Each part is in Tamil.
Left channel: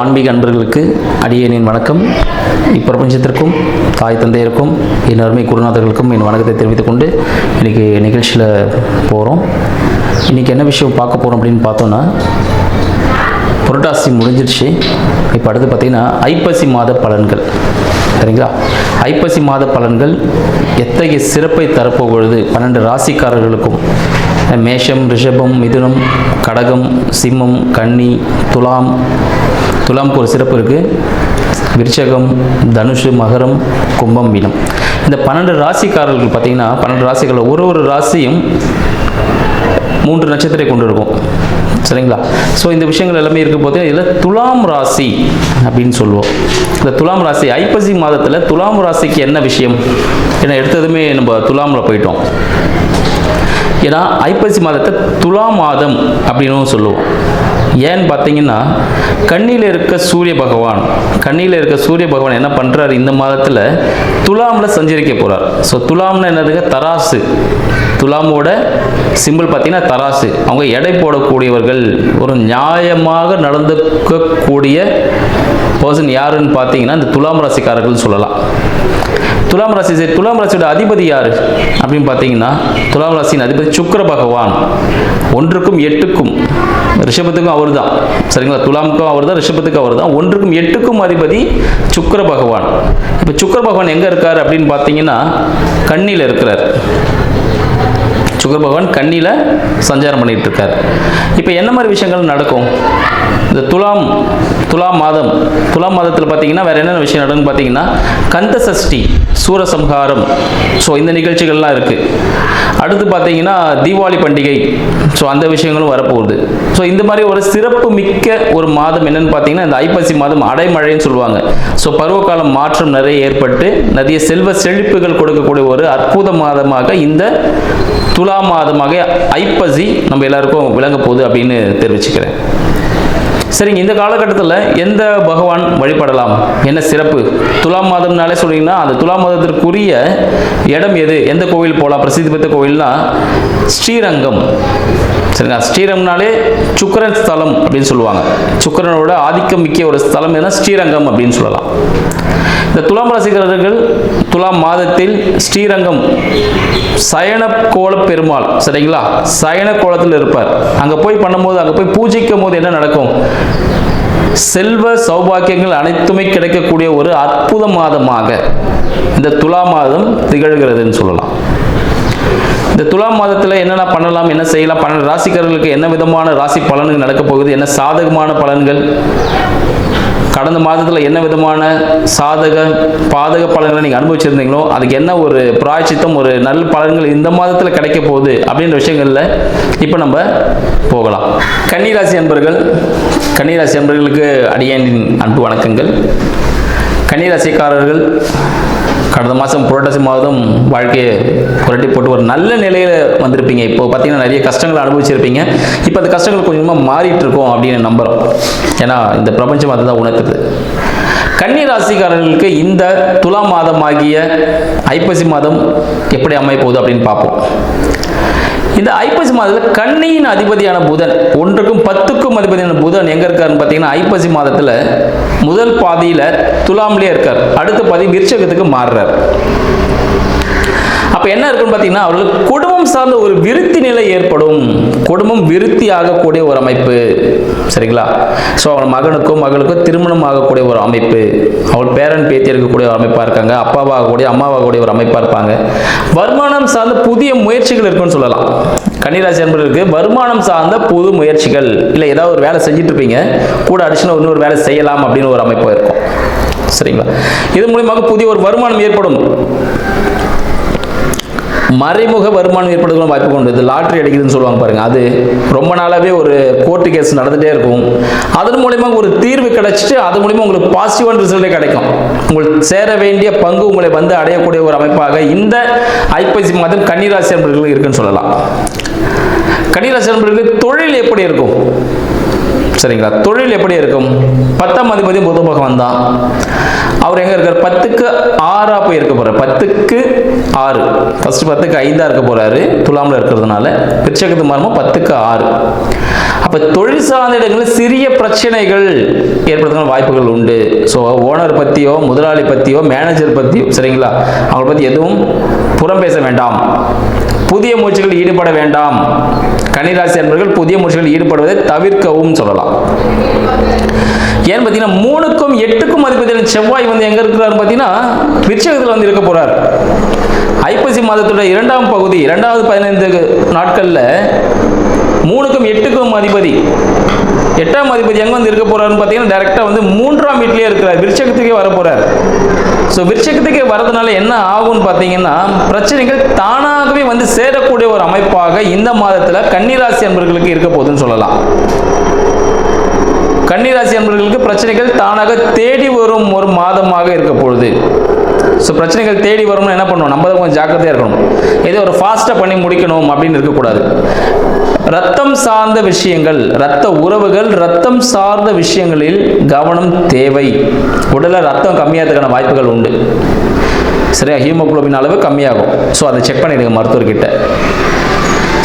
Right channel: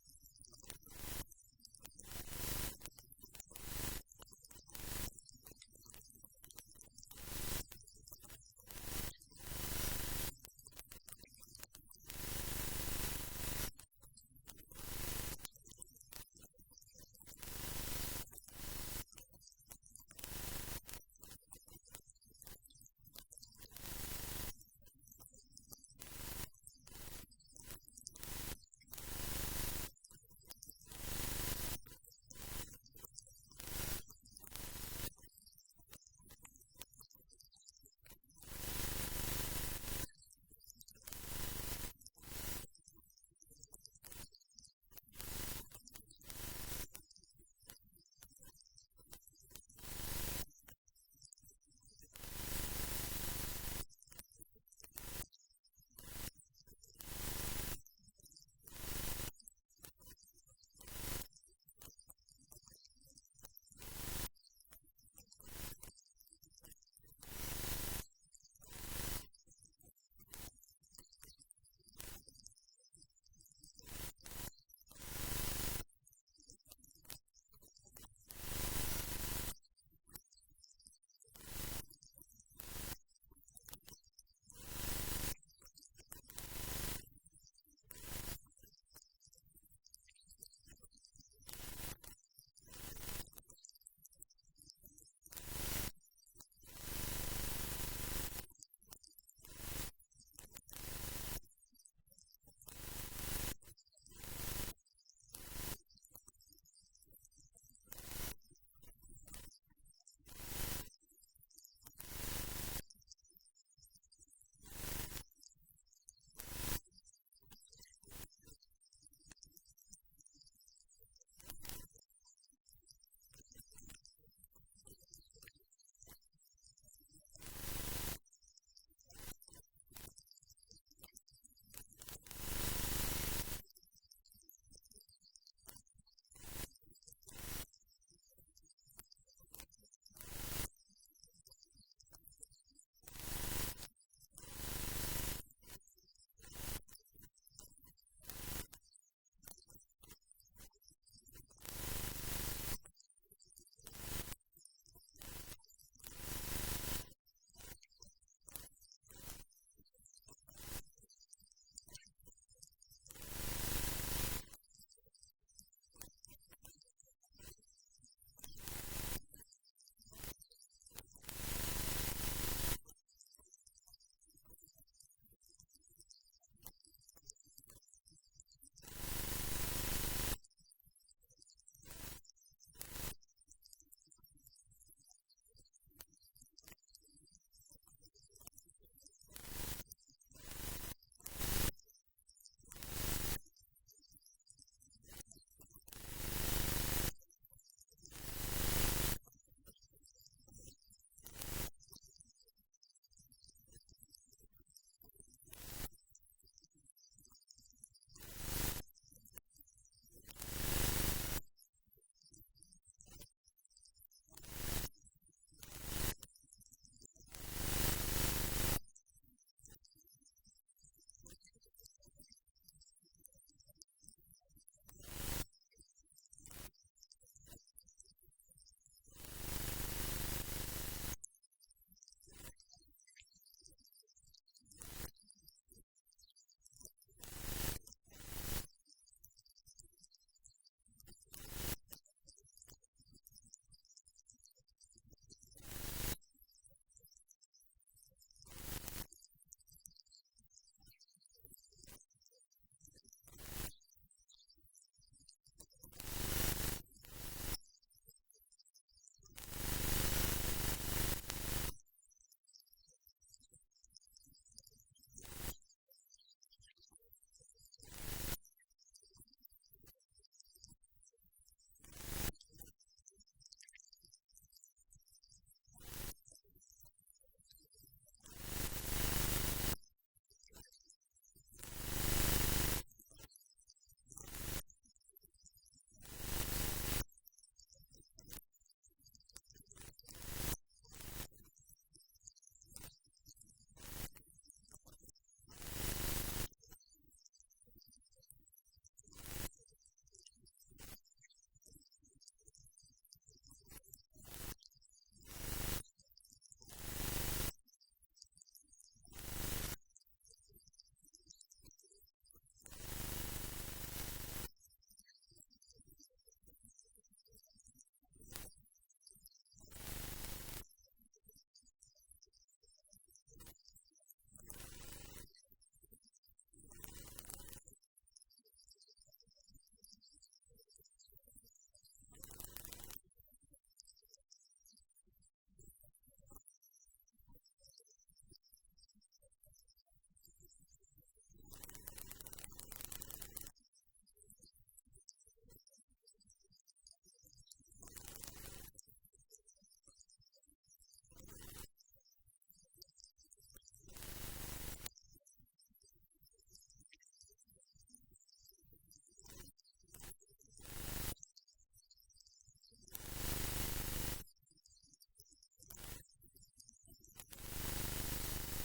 ஆன்மீக அன்பர்களுக்கு அடியேனின் வணக்கம். இப்பிரபஞ்சத்திற்கும் தாய் தந்தையருக்கும் என் அருமை குருநாதர்களுக்கும் என் வணக்கத்தை தெரிவித்துக் கொண்டு இன்றைக்கி நிகழ்ச்சியில் போகிறோம். இன்றைக்கி என்ன விஷயம் பார்க்க போகிறோம் அப்படின்னு பார்த்தோன்னா, புரட்டாசி முடிஞ்சிருச்சு. இப்போ அடுத்து பார்த்திங்கன்னா ஐப்பசி மாத பலன்கள். சரிங்களா? ஐப்பசி மாத பலன்கள் எத்தகைய சிறப்பை தரப்போகிறது 12 ராசிக்காரர்களுக்கும். மேஷம், ரிஷபம், மிதுனம், கடகம், சிம்மம், கன்னி, துலாமுக்கு ஒரு சிறப்பு இருக்குது. விருச்சகம், தனுஷு, மகரம், கும்பம், மீனம். இந்த 12 ராசிக்காரர்கள் பார்த்திங்கன்னா 12 ராசிகளில் ஒரு ராசியும் 3 நட்சத்திரத்தை கொண்டு இருக்கும். சரிங்களா? ஸோ இந்த விஷயங்கள் எல்லாமே இருக்க போது இதில் துலாம் ராசி அப்படின்னு சொல்லுவோம். இந்த துலாம் ராசி ஐப்பசி மாதத்தில் துலாம் ராசிக்கு என்ன விஷயம்? ஏன்னா எடுத்ததுமே நம்ம துலாமில் போயிட்டோம். ஏன்னா ஐப்பசி மாதத்தை துலா மாதம் அப்படின்னு சொல்லுவோம். ஏன்னு பார்த்தீங்கன்னா, கண்ணியில் இருக்க சூரிய பகவான் என்ன பண்ணுறாரு, இந்த மாதத்தில் துலாமில் சஞ்சரிக்க போகிறார். ஸோ துலாம்னு என்னதுங்க? தராசு. துலாமோட சிம்பிள் பார்த்தீங்கன்னா தராசு. அவங்க எடை போடக்கூடியவர்கள், ஒரு நியாயமாக நடந்துக்கக்கூடிய பர்சன் யாருன்னு பார்த்தீங்கன்னா இந்த துலாம் ராசிக்காரர்கள் சொல்லலாம். துலாம் ராசியோட அதிபதி யார் அப்படின்னு பார்த்தீங்கன்னா, துலாம் ராசியின் அதிபதி சுக்கிர பகவான். 1க்கும் 8க்கும், ரிஷபத்துக்கும் அவர் தான். சரிங்களா? துலாமுக்கும் அவர் தான், ரிஷபத்துக்கும் அவர் தான். 1க்கும் 8க்கும் அதிபதி சுக்கிர பகவான். இப்போ சுக்கிர பகவான் எங்கே இருக்கார் அப்படின்னு பார்த்தீங்கன்னா, கன்னியில் இருக்கிறார். சுக்கிர பகவான் கன்னியில் சஞ்சாரம் பண்ணிட்டு இருக்கார். இப்போ என்ன மாதிரி விஷயங்கள் நடக்கும் இந்த துலாம் மாதத்தில் பார்த்தீங்கன்னா வேறு என்னென்ன விஷயம் நடக்குன்னு பார்த்தீங்கன்னா, கந்த சஷ்டி, சூரசம்ஹாரம், ஸோ இந்த நிகழ்ச்சிகள்லாம் இருக்குது. அடுத்து பார்த்தீங்கன்னா தீபாவளி பண்டிகை, ஸோ அந்த விஷயங்களும் வரப்போகுது. ஸோ இந்த மாதிரி ஒரு சிறப்பு மிக்க ஒரு மாதம் என்னென்னு பார்த்தீங்கன்னா இந்த ஐப்பசி மாதம் அடைமழைன்னு சொல்லுவாங்க. ஸோ பருவகாலம் மாற்றம் நிறைய ஏற்பட்டு நிறைய செல்வ செழிப்புகள் கொடுக்கக்கூடிய ஒரு அற்புத மாதமாக இந்த துலா மாதமாக ஐப்பசி நம்ம எல்லாருக்கும் விளங்க போகுது அப்படின்னு தெரிவிச்சுக்கிறேன். சரிங்க, இந்த காலகட்டத்தில் எந்த பகவான் வழிபடலாம், என்ன சிறப்பு? துலாம் மாதம்னாலே சொல்லிங்கன்னா அந்த துலாம் மாதத்திற்குரிய இடம் எது, எந்த கோவில் போகலாம்? பிரசித்தி பெற்ற கோவில்னா ஸ்ரீரங்கம். சரிங்களா? ஸ்ரீரங்கம்னாலே சுக்கிரன் ஸ்தலம் அப்படின்னு சொல்லுவாங்க. சுக்கிரனோட ஆதிக்கம் மிக்க ஒரு ஸ்தலம் எதுனா ஸ்ரீரங்கம் அப்படின்னு சொல்லலாம். இந்த துலாம் ராசிக்காரர்கள் துலாம் மாதத்தில் ஸ்ரீரங்கம் சயன கோல பெருமாள், சரிங்களா, சயன கோலத்தில் இருப்பார். அங்கே போய் பண்ணும்போது, அங்கே போய் பூஜிக்கும் போது என்ன நடக்கும்? செல்வ சௌபாக்கியங்கள் அனைத்துமே கிடைக்கக்கூடிய ஒரு அற்புத மாதமாக இந்த துலா மாதம் திகழ்கிறதுன்னு சொல்லலாம். இந்த துலாம் மாதத்தில் என்னென்ன பண்ணலாம், என்ன செய்யலாம், 12 ராசிக்காரர்களுக்கு என்ன விதமான ராசி பலன்கள் நடக்க போகுது, என்ன சாதகமான பலன்கள், கடந்த மாதத்தில் என்ன விதமான பாதக பலன்களை நீங்கள் அனுபவிச்சிருந்தீங்களோ அதுக்கு என்ன ஒரு பிராயச்சித்தம், ஒரு நல்ல பலன்கள் இந்த மாதத்தில் கிடைக்க போகுது அப்படின்ற விஷயங்களில் இப்போ நம்ம போகலாம். கன்னிராசி அன்பர்களுக்கு அடியேனின் அன்பு வணக்கங்கள். கன்னிராசிக்காரர்கள் கடந்த மாதம் புரட்டாசி மாதம் வாழ்க்கையை புரட்டி போட்டு ஒரு நல்ல நிலையில் வந்திருப்பீங்க. இப்போ பார்த்தீங்கன்னா நிறைய கஷ்டங்களை அனுபவிச்சிருப்பீங்க. இப்போ அந்த கஷ்டங்கள் கொஞ்சமாக மாறிட்டு இருக்கோம் அப்படின்னு நம்புகிறோம். ஏன்னா இந்த பிரபஞ்சம் அதை தான் உணர்த்துது. கன்னி ராசிக்காரர்களுக்கு இந்த துலா மாதமாகிய ஐப்பசி மாதம் எப்படி அமைய போகுது அப்படின்னு பார்ப்போம். இந்த ஐப்பசி மாதத்தில் கன்னியின் அதிபதியான புதன், 1க்கும் 10க்கும் அதிபதியான புதன் எங்கே இருக்காருன்னு பார்த்தீங்கன்னா ஐப்பசி மாதத்தில் முதல் பாதியில் துலாம்லேயே இருக்கார். அடுத்த பாதி விருச்சகத்துக்கு மாறுறார். அப்போ என்ன இருக்குன்னு பார்த்தீங்கன்னா, அவர்களுக்கு குடும்பம் சார்ந்த ஒரு விருத்தி நிலை ஏற்படும். குடும்பம் விருத்தி ஆகக்கூடிய ஒரு அமைப்பு. சரிங்களா? ஸோ அவன் மகளுக்கோ திருமணம் ஆகக்கூடிய ஒரு அமைப்பு, அவள் பேரன் பேத்தி இருக்கக்கூடிய ஒரு அமைப்பாக இருக்காங்க, அப்பாவாகக்கூடிய அம்மாவாகக்கூடிய ஒரு அமைப்பாக இருப்பாங்க. வருமானம் சார்ந்த புதிய முயற்சிகள் இருக்குன்னு சொல்லலாம். கன்னிராசி அன்பர்களுக்கு வருமானம் சார்ந்த புது முயற்சிகள், இல்லை ஏதாவது ஒரு வேலை செஞ்சுட்டு இருப்பீங்க, கூட அடிஷனல் இன்னொரு வேலை செய்யலாம் அப்படின்னு ஒரு அமைப்பாக இருக்கும். சரிங்களா? இது மூலியமாக புதிய ஒரு வருமானம் ஏற்படும். மறைமுக வருமானம் ஏற்படுறதுக்கு வாய்ப்பு கொண்டு, இது லாட்ரி அடிக்குதுன்னு சொல்லுவாங்க பாருங்க, அது ரொம்ப நாளாகவே ஒரு கோர்ட்டு கேஸ் நடந்துகிட்டே இருக்கும். அதன் மூலிமா ஒரு தீர்வு கிடைச்சிட்டு அது மூலிமா உங்களுக்கு பாசிட்டிவான ரிசல்ட்டே கிடைக்கும். உங்களுக்கு சேர வேண்டிய பங்கு உங்களை வந்து அடையக்கூடிய ஒரு அமைப்பாக இந்த ஐப்பசி மாதம் கன்னிராசி அன்பர்களுக்கு இருக்குன்னு சொல்லலாம். கன்னிராசி அன்பர்களுக்கு தொழில் எப்படி இருக்கும்? சரிங்களா? தொழில் எப்படி இருக்கும்? 10ஆம் அதிபதி புத பகவான் தான். அவர் எங்க இருக்கார்? 10க்கு 6 போய் இருக்க போறார். 10க்கு 6, ஃபர்ஸ்ட் 10க்கு 5 இருக்க போறாரு துலாம்ல இருக்கிறதுனால. விருச்சகத்து மாறும் 10க்கு 6. அப்ப தொழில் சார்ந்த இடங்களில் சிறிய பிரச்சனைகள் ஏற்படுத்தும் வாய்ப்புகள் உண்டு. ஸோ ஓனர் பத்தியோ, முதலாளி பத்தியோ, மேனேஜர் பத்தியோ, சரிங்களா, அவங்களை பத்தி எதுவும் புறம் பேச வேண்டாம். புதிய முயற்சிகள் ஈடுபட வேண்டாம். கன்னிராசி அன்பர்கள் புதிய முயற்சிகள் ஈடுபடுவதை தவிர்க்கவும் சொல்லலாம். ஏன்னு பார்த்தீங்கன்னா 3க்கும் 8க்கும் அதிபதியான செவ்வாய் வந்து எங்க இருக்கிறாரு பார்த்தீங்கன்னா விருச்சகத்தில் வந்து இருக்க போறார். ஐப்பசி மாதத்தோட 2ஆம் பகுதி 2வது 15 நாட்கள்ல 3க்கும் 8க்கும் அதிபதி 8ஆம் அதிபதி எங்க வந்து இருக்க போறாருன்னு பார்த்தீங்கன்னா டைரக்டா வந்து 3ஆம் வீட்டிலேயே இருக்கிறார். விருச்சகத்துக்கே வர போறார். ஸோ விருச்சகத்துக்கே வரதுனால என்ன ஆகும்னு பார்த்தீங்கன்னா பிரச்சனைகள் தானாகவே வந்து சேரக்கூடிய ஒரு அமைப்பாக இந்த மாதத்தில் கன்னிராசி அன்பர்களுக்கு இருக்க போகுதுன்னு சொல்லலாம். கன்னிராசி அன்பர்களுக்கு பிரச்சனைகள் தானாக தேடி வரும் ஒரு மாதமாக இருக்க பொழுது. ஸோ பிரச்சனைகள் தேடி வரும்னு என்ன பண்ணணும்? நம்ம தான் கொஞ்சம் ஜாக்கிரதையாக இருக்கணும். ஏதோ ஒரு ஃபாஸ்ட்டாக பண்ணி முடிக்கணும் அப்படின்னு இருக்கக்கூடாது. ரத்தம் சார்ந்த விஷயங்கள், ரத்த உறவுகள், ரத்தம் சார்ந்த விஷயங்களில் கவனம் தேவை. உடலில் ரத்தம் கம்மியாகிறதுக்கான வாய்ப்புகள் உண்டு. சரியா? ஹீமோகுளோபின் அளவு கம்மியாகும். ஸோ அதை செக் பண்ணிடுங்க மருத்துவர்கிட்ட.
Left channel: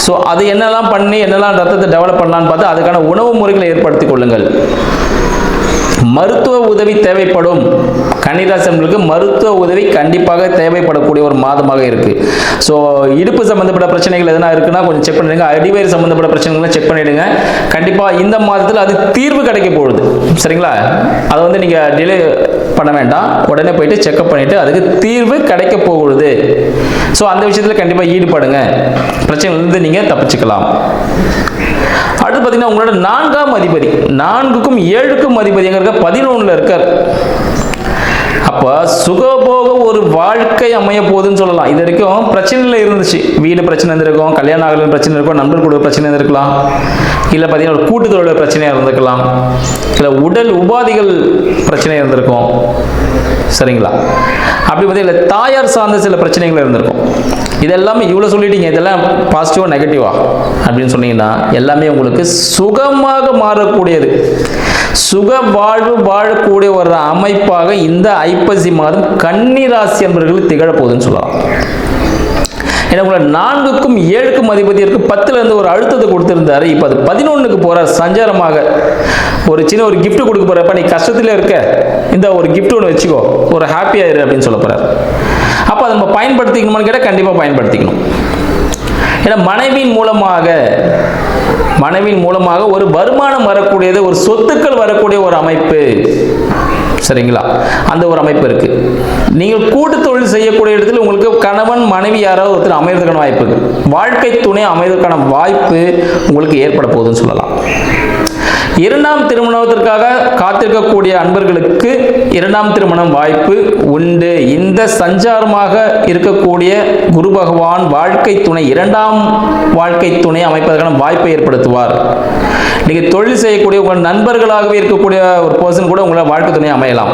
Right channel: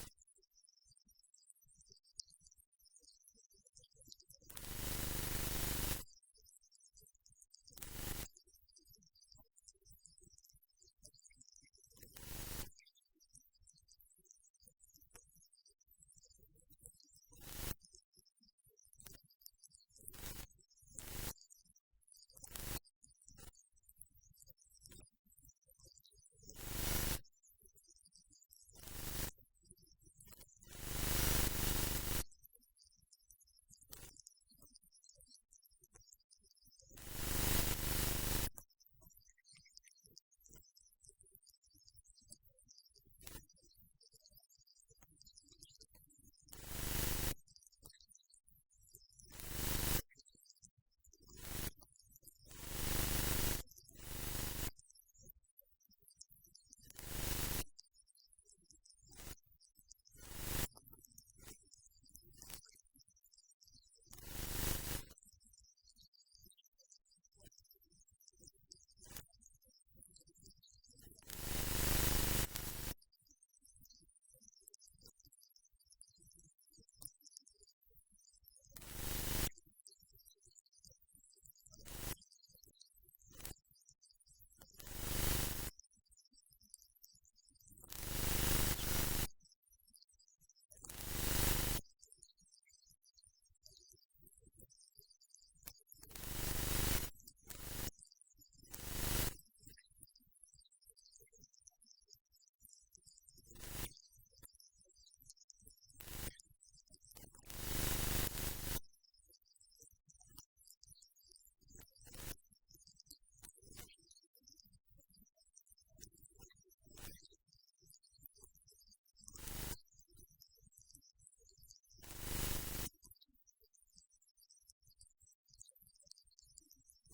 ஸோ அது என்னெல்லாம் பண்ணி என்னெல்லாம் ரத்தத்தை டெவலப் பண்ணலான்னு பார்த்து அதுக்கான உணவு முறைகளை ஏற்படுத்திக் கொள்ளுங்கள். மருத்துவ உதவி தேவைப்படும். கன்னிராசி அன்பர்களுக்கு மருத்துவ உதவி கண்டிப்பாக தேவைப்படக்கூடிய ஒரு மாதமாக இருக்கு. ஸோ இடுப்பு சம்பந்தப்பட்ட பிரச்சனைகள் எதனா இருக்குன்னா கொஞ்சம் செக் பண்ணிடுங்க. அடிவயிறு சம்பந்தப்பட்ட பிரச்சனைகளை செக் பண்ணிடுங்க. கண்டிப்பாக இந்த மாதத்தில் அது தீர்வு கிடைக்க போகுது. சரிங்களா? அதை வந்து நீங்க டிலே பண்ண வேண்டாம். உடனே போயிட்டு செக்அப் பண்ணிட்டு அதுக்கு தீர்வு கிடைக்க போகுது. ஸோ அந்த விஷயத்தில் கண்டிப்பாக ஈடுபடுங்க. பிரச்சனையிலிருந்து நீங்க தப்பிச்சுக்கலாம். அடுத்து பார்த்தீங்கன்னா உங்களோட 4ஆம் அதிபதி 4க்கும் 7க்கும் அதிபதி எங்க இருக்க? 11ல இருக்கார். அப்ப சுகபோக ஒரு வாழ்க்கை அமைய போகுதுன்னு சொல்லலாம். இது வரைக்கும் பிரச்சனைல இருந்துச்சு. வீடு பிரச்சனை இருந்திருக்கும், கல்யாணம் ஆகல பிரச்சனை இருக்கும், நண்பர் கூட பிரச்சனை இருந்திருக்கலாம், இல்லை பார்த்தீங்கன்னா ஒரு கூட்டுத்தொழில் பிரச்சனையாக இருந்திருக்கலாம், இல்லை உடல் உபாதிகள் பிரச்சனை இருந்திருக்கும். சரிங்களா? அப்படி பார்த்தீங்கன்னா தாயார் சார்ந்த சில பிரச்சனைகள் இருந்திருக்கும். இதெல்லாமே இவ்வளோ சொல்லிட்டீங்க, இதெல்லாம் பாசிட்டிவா நெகட்டிவா அப்படின்னு சொன்னீங்கன்னா எல்லாமே உங்களுக்கு சுகமாக மாறக்கூடியது, சுக வாழ்வு வாழக்கூடிய ஒரு அமைப்பாக இந்த ஐப்பசி மாதம் கன்னிராசி என்பவர்கள் திகழ போகுதுன்னு சொல்லலாம். ஏன்னா உங்களை 4க்கும் 7க்கும் அதிபதி இருக்கு. 10ல இருந்து ஒரு அழுத்தத்தை கொடுத்திருந்தாரு. இப்போ அது 11க்கு போறார் சஞ்சாரமாக. ஒரு சின்ன ஒரு கிஃப்ட் கொடுக்க போறப்ப நீ கஷ்டத்துல இருக்க, இந்த ஒரு கிஃப்ட் ஒன்று வச்சுக்கோ, ஒரு ஹாப்பியா இரு அப்படின்னு சொல்ல போறாரு. அப்போ அதை நம்ம பயன்படுத்திக்கணுமான்னு கேட்டால் கண்டிப்பாக பயன்படுத்திக்கணும். ஏன்னா மனைவியின் மூலமாக ஒரு வருமானம் வரக்கூடியது, ஒரு சொத்துக்கள் வரக்கூடிய ஒரு அமைப்பு. சரிங்களா? அந்த ஒரு அமைப்பு இருக்கு. நீங்கள் கூட்டு தொழில் செய்யக்கூடிய இடத்துல உங்களுக்கு கணவன் மனைவி யாராவது ஒருத்தர் அமைவதற்கான வாய்ப்பு இருக்கு. வாழ்க்கை துணை அமைவதற்கான வாய்ப்பு உங்களுக்கு ஏற்பட போகுதுன்னு சொல்லலாம். 2ஆம் திருமணத்திற்காக காத்திருக்கக்கூடிய அன்பர்களுக்கு 2ஆம் திருமணம் வாய்ப்பு உண்டு. இந்த சஞ்சாரமாக இருக்கக்கூடிய குரு பகவான் வாழ்க்கை துணை 2ஆம் வாழ்க்கை துணை அமைப்பதற்கான வாய்ப்பை ஏற்படுத்துவார். நீங்க தொழில் செய்யக்கூடிய உங்கள் நண்பர்களாகவே இருக்கக்கூடிய ஒரு பர்சன் கூட உங்களை வாழ்க்கை துணை அமையலாம்.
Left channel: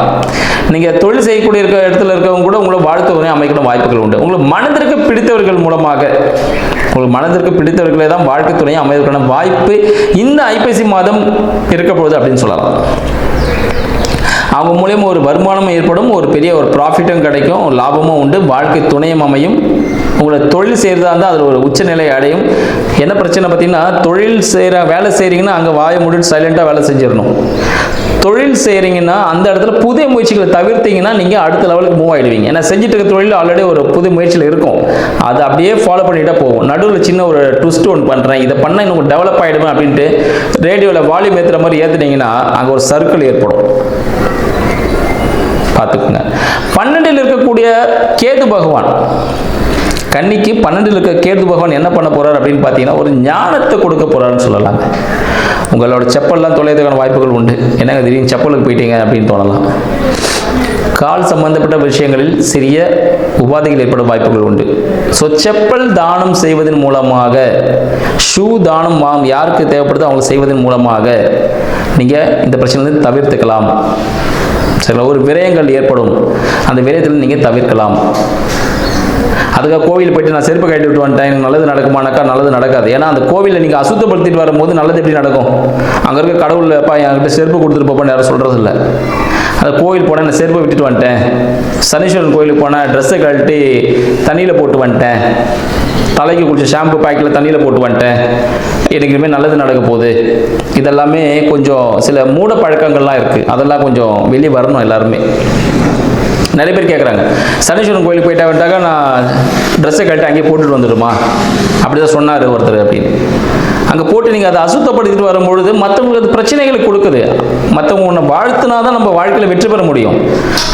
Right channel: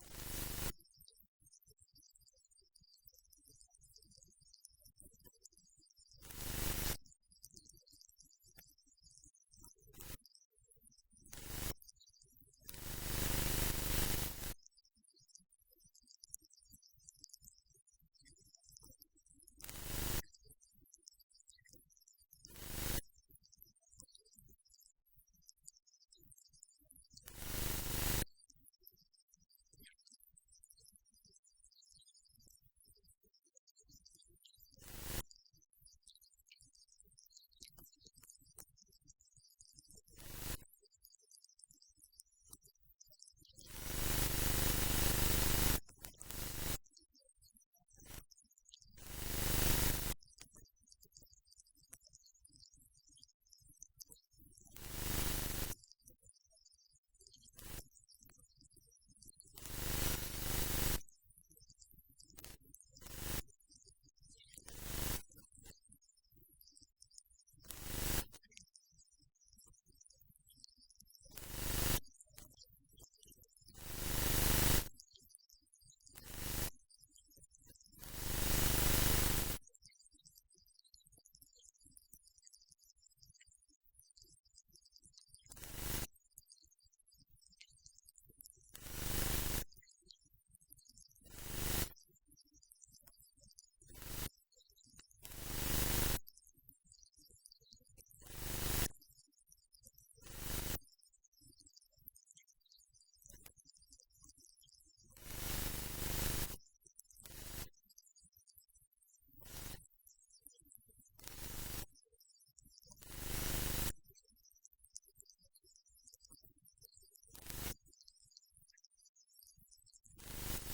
நீங்க தொழில் செய்யக்கூடிய இடத்துல இருக்கவங்க கூட உங்களை வாழ்க்கை துணை அமைக்கிற வாய்ப்புகள் உண்டு. உங்களுக்கு மனதிற்கு பிடித்தவர்கள் மூலமாக, உங்களுக்கு மனதிற்கு பிடித்தவர்களே தான் வாழ்க்கை துணையை அமைவதற்கான வாய்ப்பு இந்த ஐப்பசி மாதம் இருக்க போகுது அப்படின்னு சொல்லலாம். அவங்க மூலியமா ஒரு வருமானமும் ஏற்படும், ஒரு பெரிய ஒரு ப்ராஃபிட்டும் கிடைக்கும், ஒரு லாபமும் உண்டு, வாழ்க்கை துணையும் அமையும். உங்களை தொழில் செய்கிறதா இருந்தால் அதில் ஒரு உச்சநிலை அடையும். என்ன பிரச்சனை பார்த்தீங்கன்னா, வேலை செய்கிறீங்கன்னா அங்கே வாயை மூடிட்டு சைலண்டாக வேலை செஞ்சிடணும். தொழில் செய்கிறீங்கன்னா அந்த இடத்துல புதிய முயற்சிகளை தவிர்த்தீங்கன்னா நீங்கள் அடுத்த லெவலுக்கு மூவ் ஆகிடுவீங்க. ஏன்னா செஞ்சுட்டு இருக்க தொழில் ஆல்ரெடி ஒரு புது முயற்சியில் இருக்கும், அதை அப்படியே ஃபாலோ பண்ணிட்டா போகும். நடுவில் சின்ன ஒரு ட்விஸ்ட் ஒன்று பண்ணுறேன், இதை பண்ணால் இன்னும் டெவலப் ஆகிடுவேன் அப்படின்ட்டு ரேடியோவில் வால்யூம் ஏற்றுற மாதிரி ஏற்றுனீங்கன்னா அங்கே ஒரு சர்க்கிள் ஏற்படும். பார்த்துக்குங்க. 12ல் இருக்கக்கூடிய கேது பகவான், கன்னிக்கு 12ல் இருக்க கேது பகவான் என்ன பண்ண போறார் அப்படின்னு பார்த்தீங்கன்னா ஒரு ஞானத்தை கொடுக்க போறாருன்னு சொல்லலாங்க. உங்களோட செப்பல்லாம் தொலைறதுக்கான வாய்ப்புகள் உண்டு. என்னங்க திடீர்னு செப்பலுக்கு போயிட்டீங்க அப்படின்னு தோணலாம். கால் சம்பந்தப்பட்ட விஷயங்களில் சிறிய உபாதைகள் ஏற்படும் வாய்ப்புகள் உண்டு. ஸோ செப்பல் தானம் செய்வதன் மூலமாக, ஷூ தானம் யாருக்கு தேவைப்படுதோ அவங்க செய்வதன் மூலமாக நீங்கள் இந்த பிரச்சனையிலிருந்து தவிர்த்துக்கலாம். சில ஒரு விரயங்கள் ஏற்படும், அந்த விரயத்தில் நீங்கள் தவிர்க்கலாம். அதுக்காக கோவில் போயிட்டு நான் செருப்பு கட்டி விட்டு வந்துட்டேன் எனக்கு நல்லது நடக்குமானாக்கா நல்லது நடக்காது. ஏன்னா அந்த கோவிலில் நீங்கள் அசுத்தப்படுத்திட்டு வரும்போது நல்லது எப்படி நடக்கும்? அங்கே இருக்க கடவுள் என்கிட்ட செருப்பு கொடுத்துட்டு போப்பான்னு யாரும் சொல்கிறது இல்லை. அந்த கோவில் போனால் நான் செருப்பை விட்டுட்டு வந்துட்டேன், சனீஸ்வரன் கோயிலுக்கு போனால் ட்ரெஸ்ஸை கழட்டி தண்ணியில் போட்டு வந்துட்டேன், தலைக்கு குடிச்ச ஷாம்பு பேக்கில் தண்ணியில் போட்டு வந்துட்டேன், எனக்கு இனிமேல் நல்லது நடக்க போகுது. இதெல்லாமே கொஞ்சம் சில மூட பழக்கங்கள்லாம் இருக்குது. அதெல்லாம் கொஞ்சம் வெளியே வரணும் எல்லாருமே. நிறைய பேர் கேட்குறாங்க, சனீஸ்வரன் கோயிலுக்கு போயிட்டா வந்துட்டாக்கா நான் ட்ரெஸ்ஸை கழட்டி அங்கேயே போட்டுட்டு வந்துடுமா? அப்படி தான் சொன்னார் ஒருத்தர் அப்படின்னு. அங்கே போட்டு நீங்கள் அதை அசுத்தப்படுத்திட்டு வரும்பொழுது மற்றவங்களுக்கு அது பிரச்சனைகளை கொடுக்குது. மற்றவங்க ஒன்று வாழ்த்துனா தான் நம்ம வாழ்க்கையில் வெற்றி பெற முடியும்.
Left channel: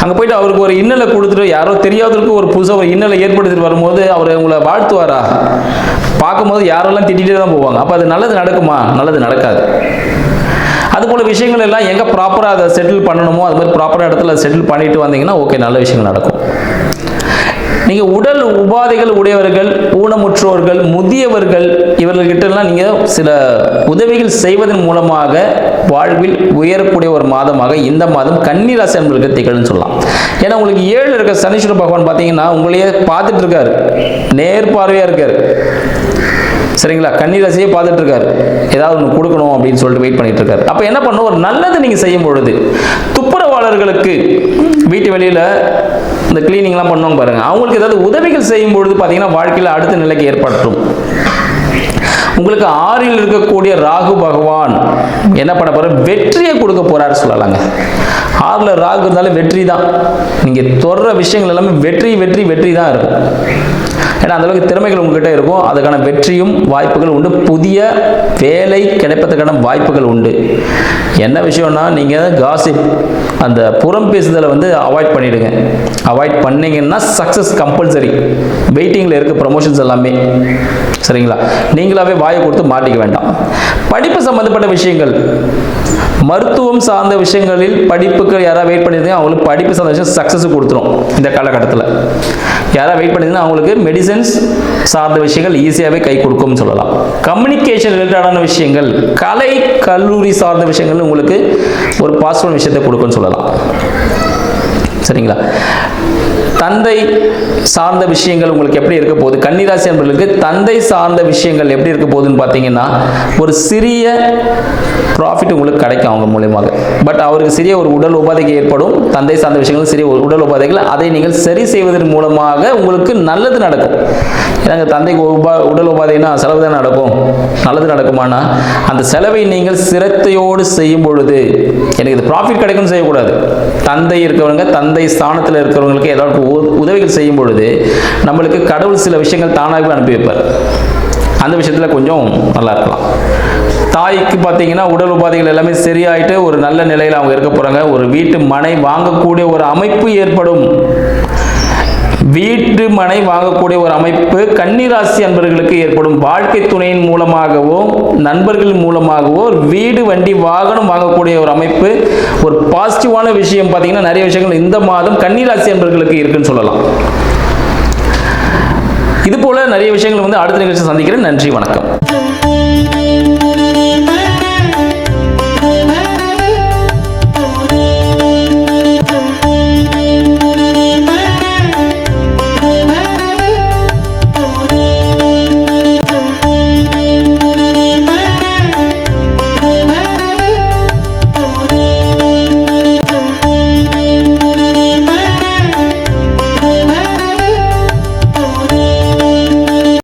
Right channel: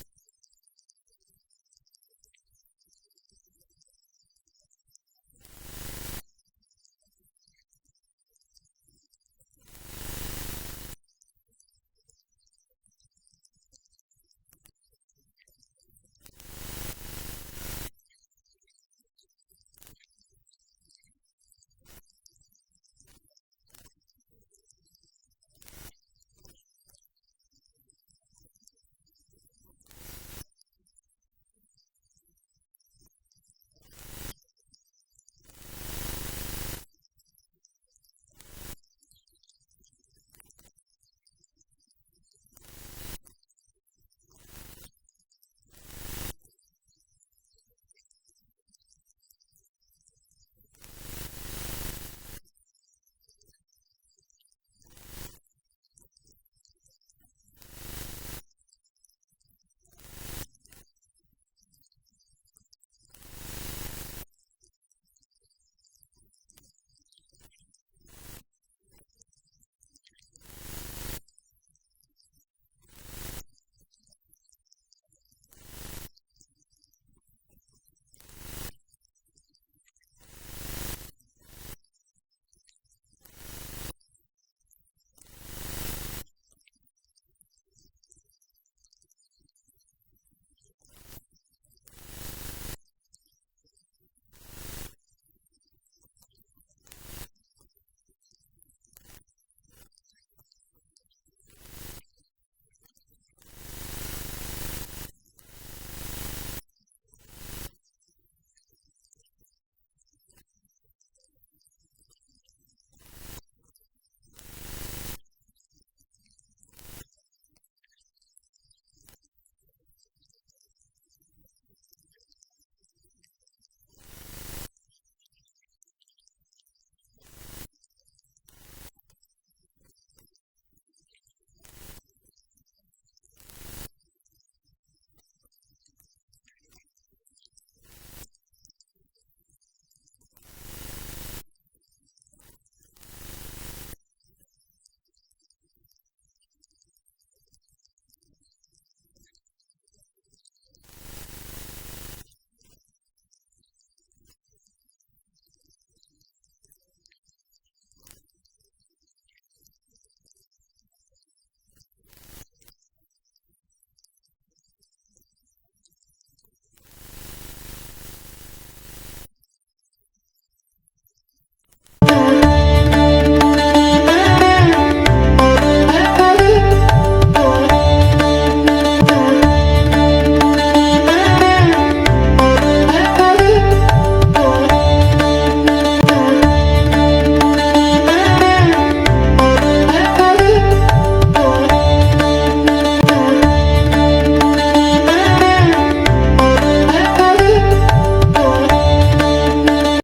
அங்கே போயிட்டு அவருக்கு ஒரு இன்னலை கொடுத்துட்டு யாரோ தெரியாதவருக்கு ஒரு புதுசாக ஒரு இன்னலை ஏற்படுத்திட்டு வரும்போது அவர் உங்களை வாழ்த்துவாரா? பார்க்கும்போது யாரெல்லாம் திட்டிகிட்டே தான் போவாங்க. அப்போ அது நல்லது நடக்குமா? நல்லது நடக்காது. அதுபோல் விஷயங்கள் எல்லாம் எங்கே ப்ராப்பராக அதை செட்டில் பண்ணணுமோ அது மாதிரி ப்ராப்பராக இடத்துல செட்டில் பண்ணிட்டு வந்தீங்கன்னா ஓகே, நல்ல விஷயங்கள் நடக்கும். நீங்கள் உடல் உபாதைகள் உடையவர்கள், ஊனமுற்றோர்கள், முதியவர்கள், இவர்கள்கிட்டலாம் நீங்கள் சில உதவிகள் செய்வதன் மூலமாக வாழ்வில் உயரக்கூடிய ஒரு மாதமாக இந்த மாதம் கன்னி ராசி அன்பர்களுக்கு திகழ்னு சொல்லலாம். ஏன்னா உங்களுக்கு 7 இருக்க சனீஸ்வர பகவான் பார்த்தீங்கன்னா உங்களையே பார்த்துட்டு இருக்காரு, நேர்பார்வையாக இருக்காரு. சரிங்களா? கன்னி ராசியே பார்த்துட்டு இருக்காரு, ஏதாவது ஒன்று கொடுக்கணும் அப்படின்னு சொல்லிட்டு வெயிட் பண்ணிட்டு இருக்காரு. அப்போ என்ன பண்ணணும்? ஒரு நல்லது நீங்கள் செய்யும் பொழுது துப்புரவாளர்களுக்கு வீட்டு வெளியில் இந்த கிளீனிங்லாம் பண்ணுவாங்க பாருங்க, அவங்களுக்கு ஏதாவது உதவிகள் செய்யும் பொழுது பார்த்தீங்கன்னா வாழ்க்கையில் அடுத்த நிலைக்கு ஏற்படுத்தும். உங்களுக்கு 6ல் இருக்கக்கூடிய ராகு பகவான் என்ன பண்ண போறார்? வெற்றியை கொடுக்க போறாரு சொல்லலாங்க. 6ல் ராகு இருந்தாலும் வெற்றி தான். நீங்கள் தொடர விஷயங்கள் எல்லாமே வெற்றி வெற்றி வெற்றி தான் இருக்கும். ஏன்னா அந்தளவுக்கு திறமைகள் உங்ககிட்ட இருக்கும். அதுக்கான வெற்றியும் வாய்ப்புகள் உண்டு. புதிய வேலை கிடைப்பதற்கான வாய்ப்புகள் உண்டு. என்ன விஷயம்னா நீங்கள் காசிப், அந்த புறம் பேசுதலை அவாய்ட் பண்ணிடுங்க. அவாய்ட் பண்ணீங்கன்னா சக்ஸஸ் கம்பல்சரி. வெயிட்டிங்கில் இருக்க ப்ரமோஷன்ஸ் எல்லாமே. சரிங்களா? நீங்களாவே வாயை கொடுத்து மாட்டிக்க வேண்டாம். படிப்பு சம்பந்தப்பட்ட விஷயங்கள், மருத்துவம் சார்ந்த விஷயங்களில் படிப்புக்கு யாராவது வெயிட் பண்ணியிருந்தீங்க அவங்களுக்கு படிப்பு சார்ந்த விஷயம் சக்ஸஸ் கொடுத்துரும். இந்த காலகட்டத்தில் யாராவது வெயிட் பண்ணியிருந்தீங்கன்னா அவங்களுக்கு மெடிசன்ஸ் சார்ந்த விஷயங்கள் ஈஸியாகவே கை கொடுக்கும்னு சொல்லலாம். கம்யூனிகேஷன் ரிலேட்டடான விஷயங்கள், கலை கல்லூரி சார்ந்த விஷயங்கள் உங்களுக்கு ஒரு பாசிட்டிவ் விஷயத்தை கொடுக்கும்னு சொல்லலாம். சரிங்களா? தந்தை சார்ந்த விஷயங்கள் உங்களுக்கு எப்படி இருக்க போகுது? கன்னிராசி என்பவர்களுக்கு தந்தை சார்ந்த விஷயங்கள் எப்படி இருக்க போகுதுன்னு பார்த்தீங்கன்னா ஒரு சிறிய ப்ராஃபிட் உங்களுக்கு கிடைக்கும் அவங்க மூலமாக. பட் அவருக்கு சிறிய ஒரு உடல் உபாதைக்கு ஏற்படும். தந்தை சார்ந்த விஷயங்கள் சிறிய உடல் உபாதைகள், அதை நீங்கள் சரி செய்வதன் மூலமாக உங்களுக்கு நல்லது நடக்கும். ஏன்னா தந்தைக்கு உடல் உபாதைனா செலவு தான் நடக்கும். நல்லது நடக்குமானா அந்த செலவை நீங்கள் சிரத்தையோடு செய்யும் பொழுது எனக்கு இது ப்ராஃபிட் கிடைக்கும்னு செய்யக்கூடாது. தந்தை இருக்கிறவங்க, தந்தை ஸ்தானத்தில் இருக்கிறவங்களுக்கு ஏதாவது உதவிகள் செய்யும் பொழுது நம்மளுக்கு கடவுள் சில விஷயங்கள் தானாகவே அனுப்பி வைப்பார். அந்த விஷயத்தில் கொஞ்சம் நல்லா இருக்கலாம். தாய்க்கு பார்த்தீங்கன்னா உடல் உபாதைகள் எல்லாமே சரியாயிட்டு ஒரு நல்ல நிலையில் அவங்க இருக்க போகிறாங்க. ஒரு வீட்டு மனை வாங்கக்கூடிய ஒரு அமைப்பு ஏற்படும். வீட்டு மனை வாங்கக்கூடிய ஒரு அமைப்பு கன்னிராசி அன்பர்களுக்கு ஏற்படும். வாழ்க்கை துணையின் மூலமாகவோ நண்பர்கள் மூலமாகவோ வீடு வண்டி வாகனம் வாங்கக்கூடிய ஒரு அமைப்பு, ஒரு பாசிட்டிவான விஷயம் பார்த்தீங்கன்னா நிறைய விஷயங்கள் இந்த மாதம் கன்னிராசி அன்பர்களுக்கு இருக்குன்னு சொல்லலாம். இது போல நிறைய விஷயங்கள் அடுத்த நிகழ்ச்சி சந்திக்கிறேன். நன்றி, வணக்கம்.